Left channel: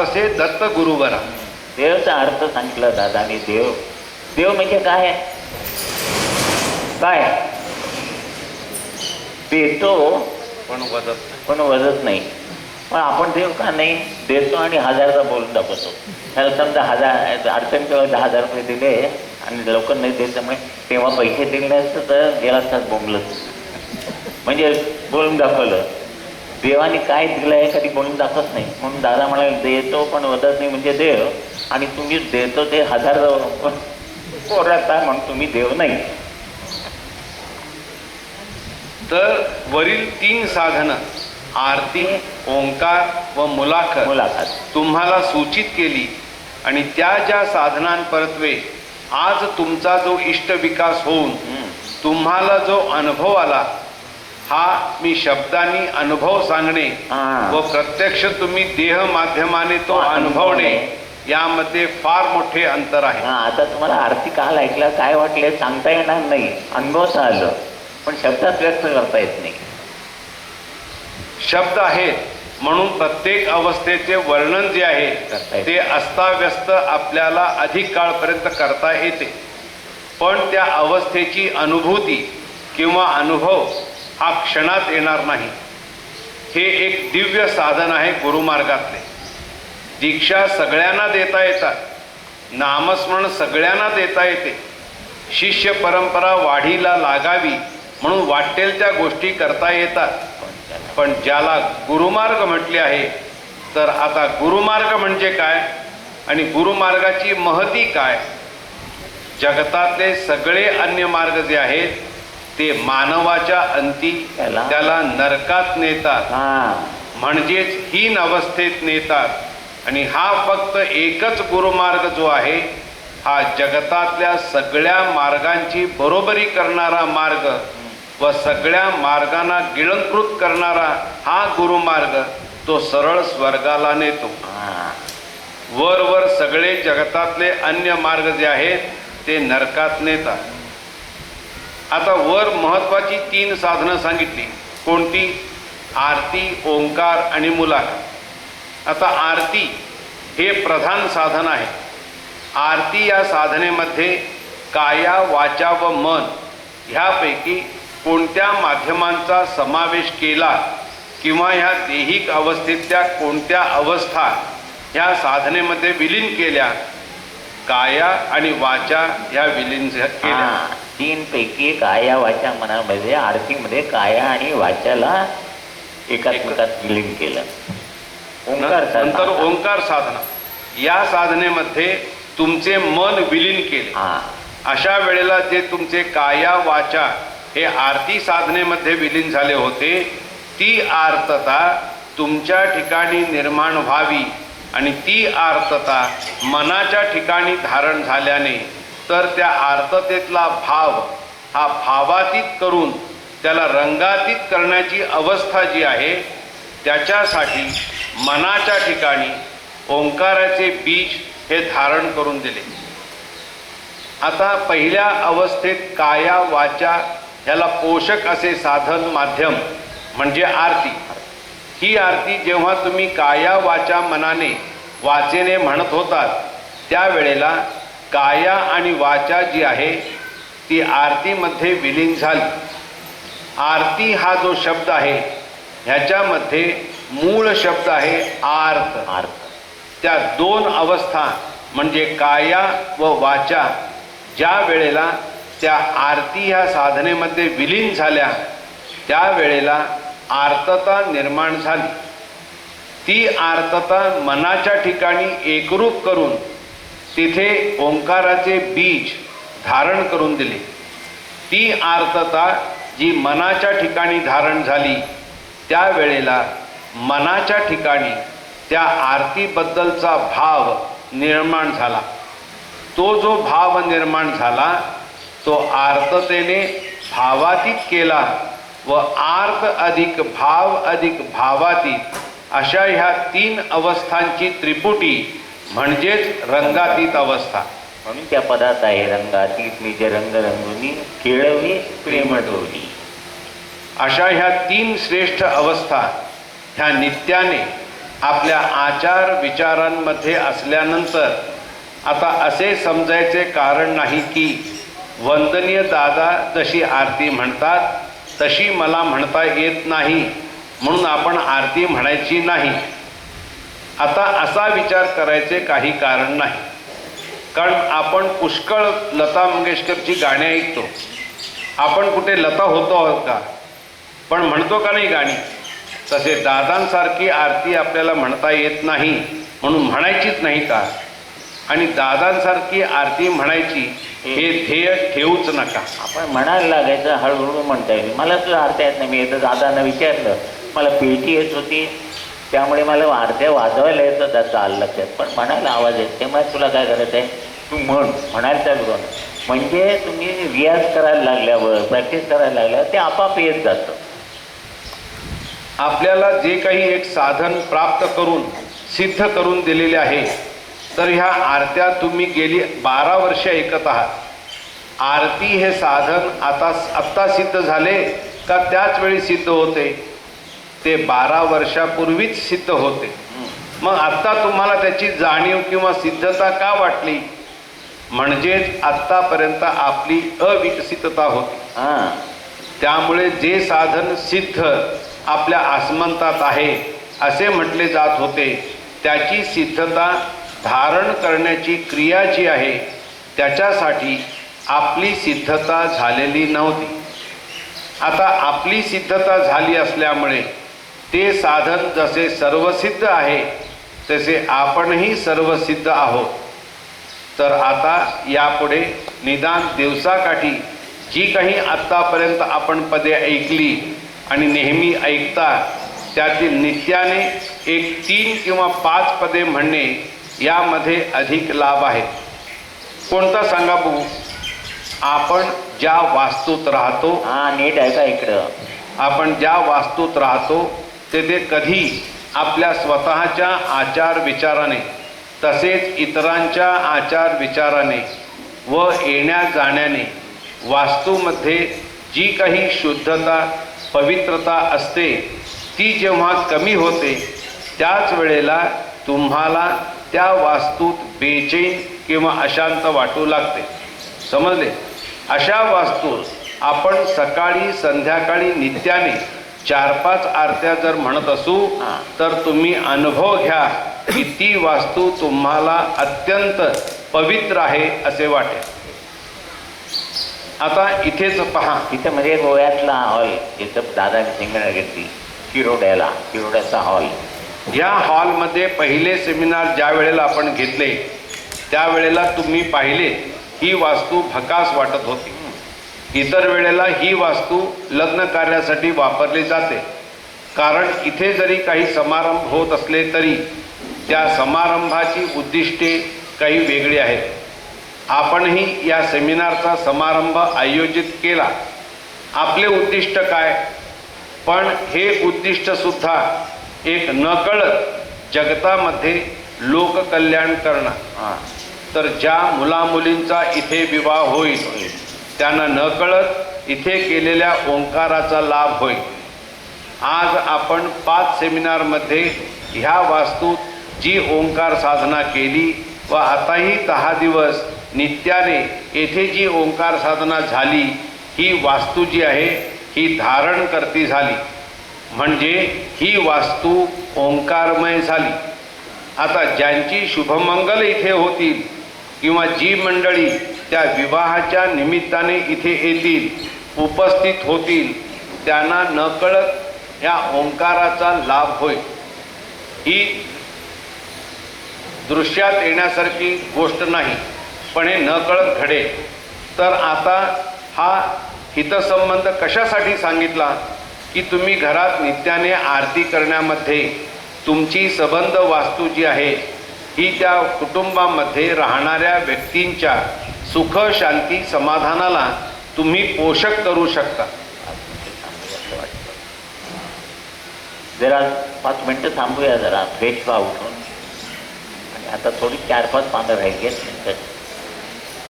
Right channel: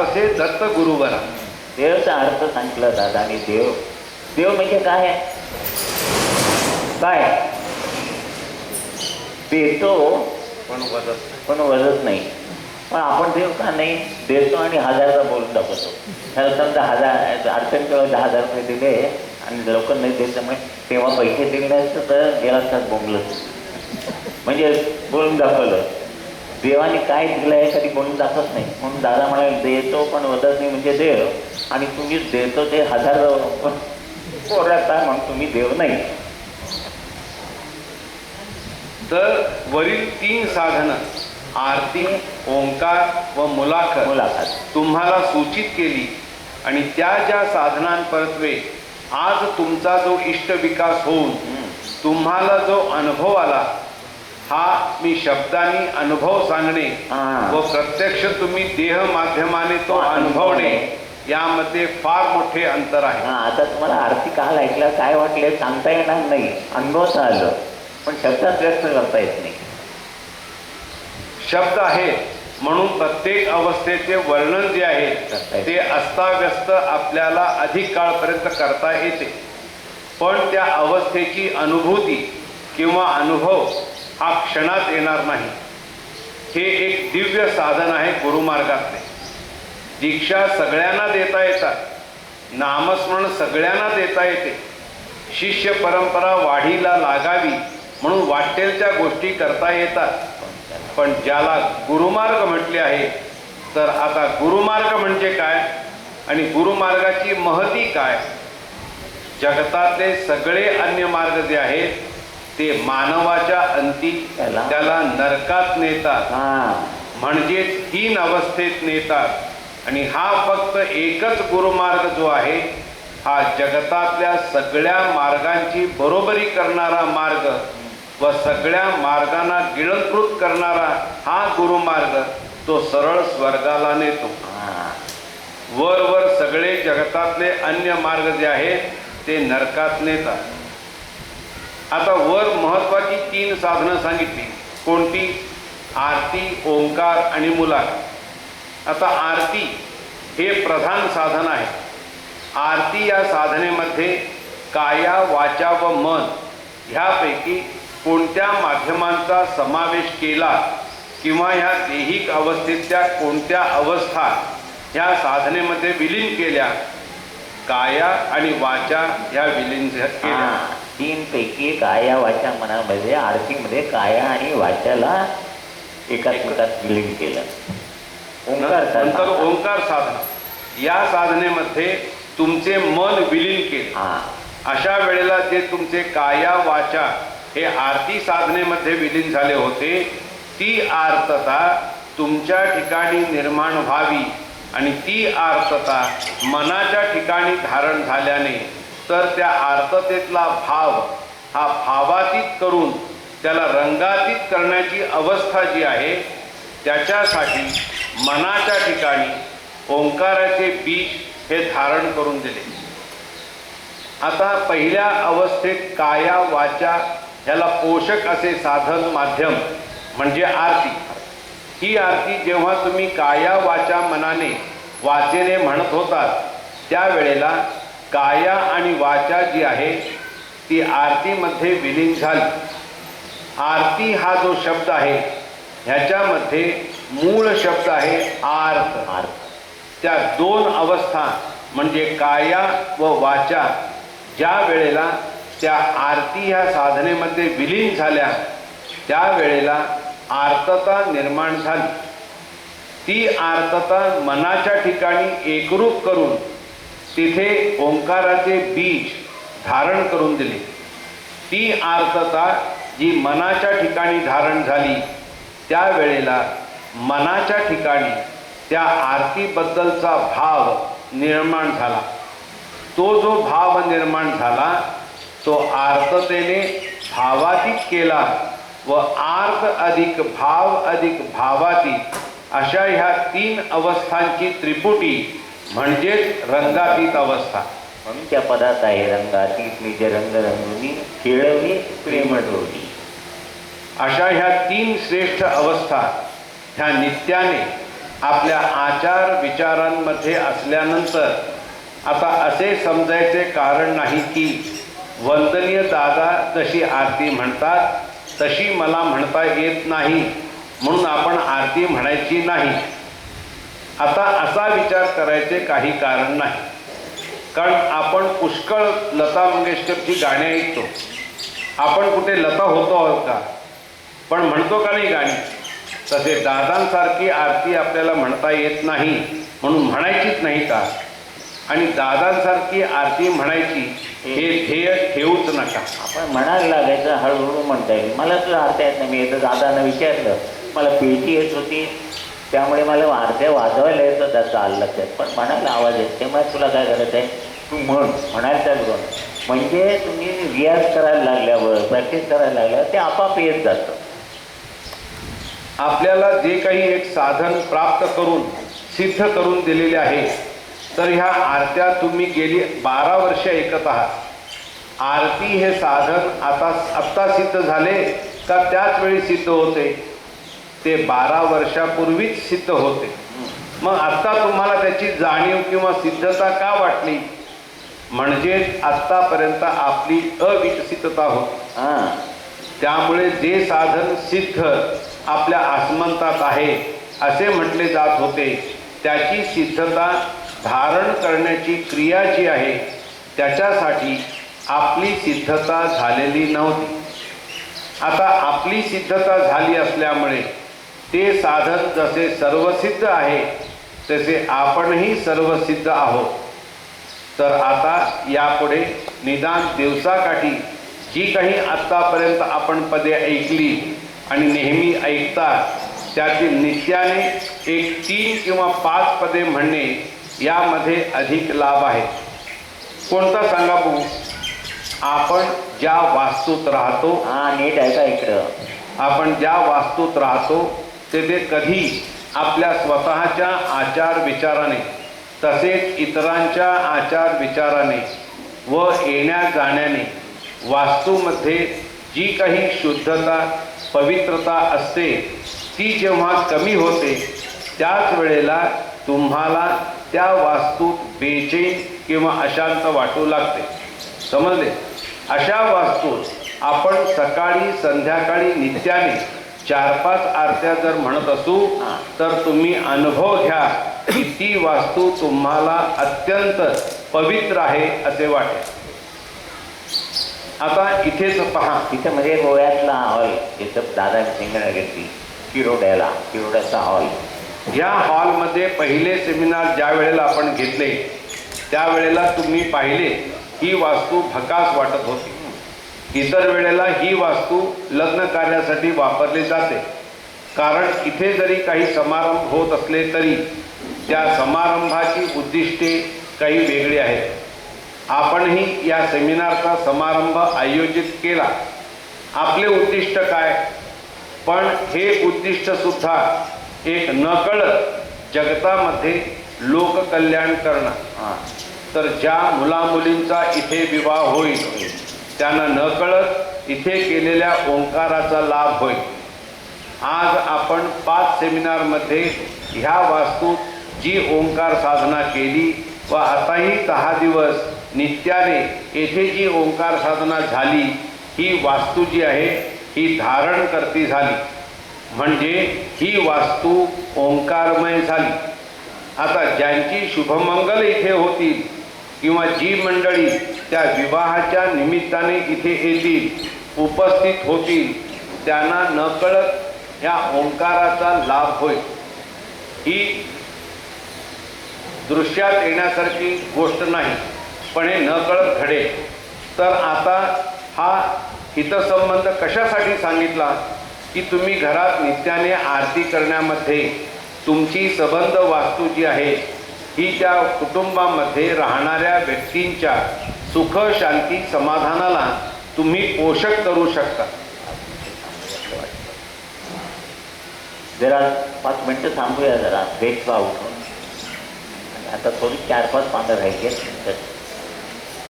तसे दत्त गुरुवरा. देवचा अर्थ सांगितला दादानी देव. देव म्हणजे काय? काय? देतो पण वदत. पण वजत नाही. पण आपण देव का नाही? देतो आणि हजारचा बोलून दाखवतो. त्याला समजा हजार अडचण किंवा दहा हजार रुपये दिले आणि लवकर नाही देत त्यामुळे तेव्हा पैसे दिले नसतं तर गेला असतात बोंबलत. म्हणजे बोलून दाखवलं. देवाने काय दिलं आहे कधी बोलून दाखवत नाही. म्हणून दादा म्हणाले देतो पण वदत नाही म्हणजे देव. आणि तुम्ही देतो ते हजार पोराचा म्हणून तुम्ही देव नाही. तर वरील तीन साधनं आरती ओंकार व मुलाखत मुलाखत. तुम्हाला सूचित केली. आणि त्या ज्या साधनांपरत्वे आज तुमचा जो इष्ट विकास होऊन. तुम्हाला जो अनुभव आला हा मी शब्दांनी अनुभव सांगणे. व प्रत्यक्ष तुम्ही देह माध्यमाने तो अनुभवणे. यामध्ये फार मोठे अंतर आहे. हा आता तुम्हाला आरती काल ऐकलं काय वाटले सांगता येणार नाही. अनुभवच आलं पण शब्दात व्यक्त करता येत नाही. शब्द आहेत म्हणून प्रत्येक अवस्थेचे वर्णन जे आहे. ते अस्ताव्यस्त आपल्याला अधिक काळपर्यंत करता येते. पण त्या अवस्थेची अनुभूती किंवा अनुभव हा क्षणात येणार नाही. हे एक दिव्य साधन आहे गुरुमार्गातले. दीक्षा सगळ्यांना देता येतात. नामस्मरण सगळ्यांना देता येते. शिष्य परंपरा वाढीला लागावी म्हणून वाटेल त्या गोष्टी करता येतात. पण ज्याला गुरुमार्ग म्हटले आहे तर आता गुरुमार्ग म्हणजे काय आणि गुरुमार्गाची महती काय? जगतातले सगळे अन्य मार्ग जे आहेत ते मानवाच्या अंती त्याला- नरकात नेतात. हा. म्हणजेच हीन अवस्थेत नेतात. आणि हा फक्त एकच गुरुमार्ग जो आहे हा जगतातल्या सगळ्या मार्गांची बरोबरी करणारा मार्ग व सगळ्या मार्गांना गिळंकृत करणारा हा गुरुमार्ग तो सरळ स्वर्गाला नेतो. वर वर सगळे जगतातले अन्य मार्ग जे आहेत ते नरकात नेतात. आता वर महत्त्वाची तीन साधनं सांगितली. कोणती? आरती ओंकार आणि मुलाखत. आता आरती हे प्रधान साधन आहे. आरती या साधनेमध्ये काया वाचा व मन ह्यापैकी कोणत्या माध्यमांचा समावेश केला किंवा ह्या देहिक अवस्थेतल्या कोणत्या अवस्था ह्या साधनेमध्ये विलीन केल्या? काया आणि वाचा ह्या विलीन केल्या. हा तीन पैकी काया वाचा मनामध्ये आरतीमध्ये काया आणि वाचाला एकात्मकात विलीन केलं. ओंकार नंतर ओंकार साधना. या साधनेमध्ये तुमचे मन विलीन केले. हा. अशा वेळेला जे तुमचे काया वाचा हे आरती साधनेमध्ये विलीन झाले होते ती आर्तता तुमच्या ठिकाणी निर्माण व्हावी आणि ती आर्तता मनाच्या ठिकाणी धारण झाल्याने तर त्या आर्ततेतला भाव हा भावातीत करून त्याला रंगातीत करण्याची अवस्था जी आहे त्याच्यासाठी मनाच्या ठिकाणी ओंकाराचे बीज हे धारण करून दिले. आता पहिल्या अवस्थेत काया वाचा ह्याला पोषक असे साधन माध्यम म्हणजे आरती. ही आरती जेव्हा तुम्ही काया वाचा मनाने वाचेने म्हणत होतात त्यावेळेला काया आणि वाचा जी आहे ती आरतीमध्ये विलीन झाली. आरती हा जो शब्द आहे ह्याच्यामध्ये मूळ शब्द आहे आर्त. आर्त. त्या दोन अवस्था म्हणजे काया व वाचा ज्या वेळेला त्या आरती ह्या साधनेमध्ये विलीन झाल्या त्यावेळेला आर्तता निर्माण झाली. ती आर्तता मनाच्या ठिकाणी एकरूप करून तिथे ओंकाराचे बीज धारण करून दिले. ती आर्तता जी मनाच्या ठिकाणी धारण झाली त्यावेळेला मनाच्या ठिकाणी त्या आरतीबद्दलचा भाव निर्माण झाला. तो जो भाव निर्माण झाला तो आर्ततेने भावातीत केला व आर्त अधिक भाव अधिक भावातीत अशा ह्या तीन अवस्थांची त्रिपुटी म्हणजेच रंगातीत अवस्था. म्हणून त्या पदात आहे रंगातीत निज रंग रंगुनी खेळवली प्रेम डोली अशा ह्या तीन श्रेष्ठ अवस्था ह्या नित्याने आपल्या आचार विचारांमध्ये असल्यानंतर आता असे समजायचे कारण नाही की वंदनीय दादा जशी आरती म्हणतात तशी मला म्हणता येत नाही म्हणून आपण आरती म्हणायची नाही. आता असा विचार करायचे काही कारण नाही. कारण आपण पुष्कळ लता मंगेशकरची गाणी ऐकतो. आपण कुठे लता होतो आहोत का? पण म्हणतो का नाही गाणी? तसे दादांसारखी आरती आपल्याला म्हणता येत नाही म्हणून म्हणायचीच नाही का? आणि दादांसारखी आरती म्हणायची हे ध्येय ठेवूच नका. आपण म्हणायला लागायचं हळूहळू म्हणता येईल. मला तुला आरती येत नाही मी येतं. दादांना विचारलं मला पेटी येत होती. त्यामुळे मला आरत्या वाजवायला येतं त्याचं आलं लक्षात पण म्हणायला आवाज येत तेव्हा तुला काय करायचं आहे तू म्हण. म्हणायला चालू म्हणजे तुम्ही रियाज करायला लागल्यावर प्रॅक्टिस करायला लागल्यावर ते आपाप येत जातं. आपल्याला जे काही एक साधन प्राप्त करून सिद्ध करून दिलेले आहे तर ह्या आरत्या तुम्ही गेली बारा वर्ष ऐकत आहात. आरती हे साधन आता आत्ता सिद्ध झाले का त्याच वेळी सिद्ध होते? ते बारा वर्षापूर्वीच सिद्ध होते. मग आत्ता तुम्हाला त्याची जाणीव किंवा सिद्धता का वाटली? म्हणजेच आत्तापर्यंत आपली अविकसितता होती. त्यामुळे जे साधन सिद्ध आपल्या आसमंतात आहे असे म्हटले जात होते त्याची सिद्धता धारण करण्याची क्रिया जी आहे त्याच्यासाठी आपली सिद्धता झालेली नव्हती. आता आपली सिद्धता झाली असल्यामुळे ते साधन जसे सर्वसिद्ध आहे तसे आपणही सर्वसिद्ध आहोत. तर आता यापुढे निदान दिवसाकाठी जी काही आत्तापर्यंत आपण पदे ऐकली आणि नेहमी ऐकता त्यातील नित्याने एक तीन किंवा पाच पदे म्हणणे यामध्ये अधिक लाभ आहे. कोणता सांगा बघू? आपण ज्या वास्तूत राहतो हां नीट आहे का इकडं. आपण ज्या वास्तूत राहतो तेथे कधी आपल्या स्वतःच्या आचार विचाराने तसेच इतरांच्या आचार विचाराने व येण्या जाण्याने वास्तूमध्ये जी काही शुद्धता पवित्रता असते ती जेव्हा कमी होते त्याच वेळेला तुम्हाला त्या वास्तूत बेचैन किंवा अशांत वाटू लागते. समजले? अशा वास्तूत आपण सकाळी संध्याकाळी नित्याने चार पाच आरत्या जर म्हणत असू. तर तुम्ही अनुभव घ्या की ती वास्तू तुम्हाला अत्यंत पवित्र आहे असे वाटेल आता इथेच पहा. तिथं म्हणजे गोव्यातला हॉल जिथं दादा सिंगण घेतली किरोड्याला किरोड्याचा हॉल. या हॉलमध्ये पहिले सेमिनार ज्या वेळेला आपण घेतले त्यावेळेला तुम्ही पाहिले ही वास्तू भकास वाटत होती. इतर वेळेला ही वास्तू लग्न कार्यासाठी वापरली जाते. कारण इथे जरी काही समारंभ होत असले तरी त्या समारंभाची उद्दिष्टे काही वेगळी आहेत. आपणही या सेमिनारचा समारंभ आयोजित केला. आपले उद्दिष्ट काय? पण हे उद्दिष्टसुद्धा एक नकळत जगतामध्ये लोककल्याण करणं. हां तर ज्या मुलामुलींचा इथे विवाह होईल त्यांना नकळत इथे केलेल्या ओंकाराचा लाभ होईल आज आपण पाच सेमिनारमध्ये ह्या वास्तूत जी ओंकार साधना केली व आताही दहा दिवस नित्याने येथे जी ओंकार साधना झाली ही वास्तू जी आहे ही धारण करती झाली. म्हणजे ही वास्तू ओंकारमय झाली. आता ज्यांची शुभमंगल इथे होतील किंवा जी मंडळी त्या विवाहाच्या निमित्ताने इथे येतील उपस्थित होतील. त्यांना नकळत या ओंकाराचा लाभ होईल. ही दृश्यात येण्यासारखी गोष्ट नाही पण हे नकळत घडेल. तर आता हा हितसंबंध कशासाठी सांगितला? की तुम्ही घरात नित्याने आरती करण्यामध्ये तुमची सबंध वास्तू जी आहे. ही त्या कुटुंबामध्ये राहणाऱ्या व्यक्तींच्या सुख शांती समाधानाला तुम्ही पोषक करू शकता. जरा पाच मिनटं थांबूया जरा. फ्रेश व्हा उठून आणि आता थोडी चार पाच पानं राहिली आहेत.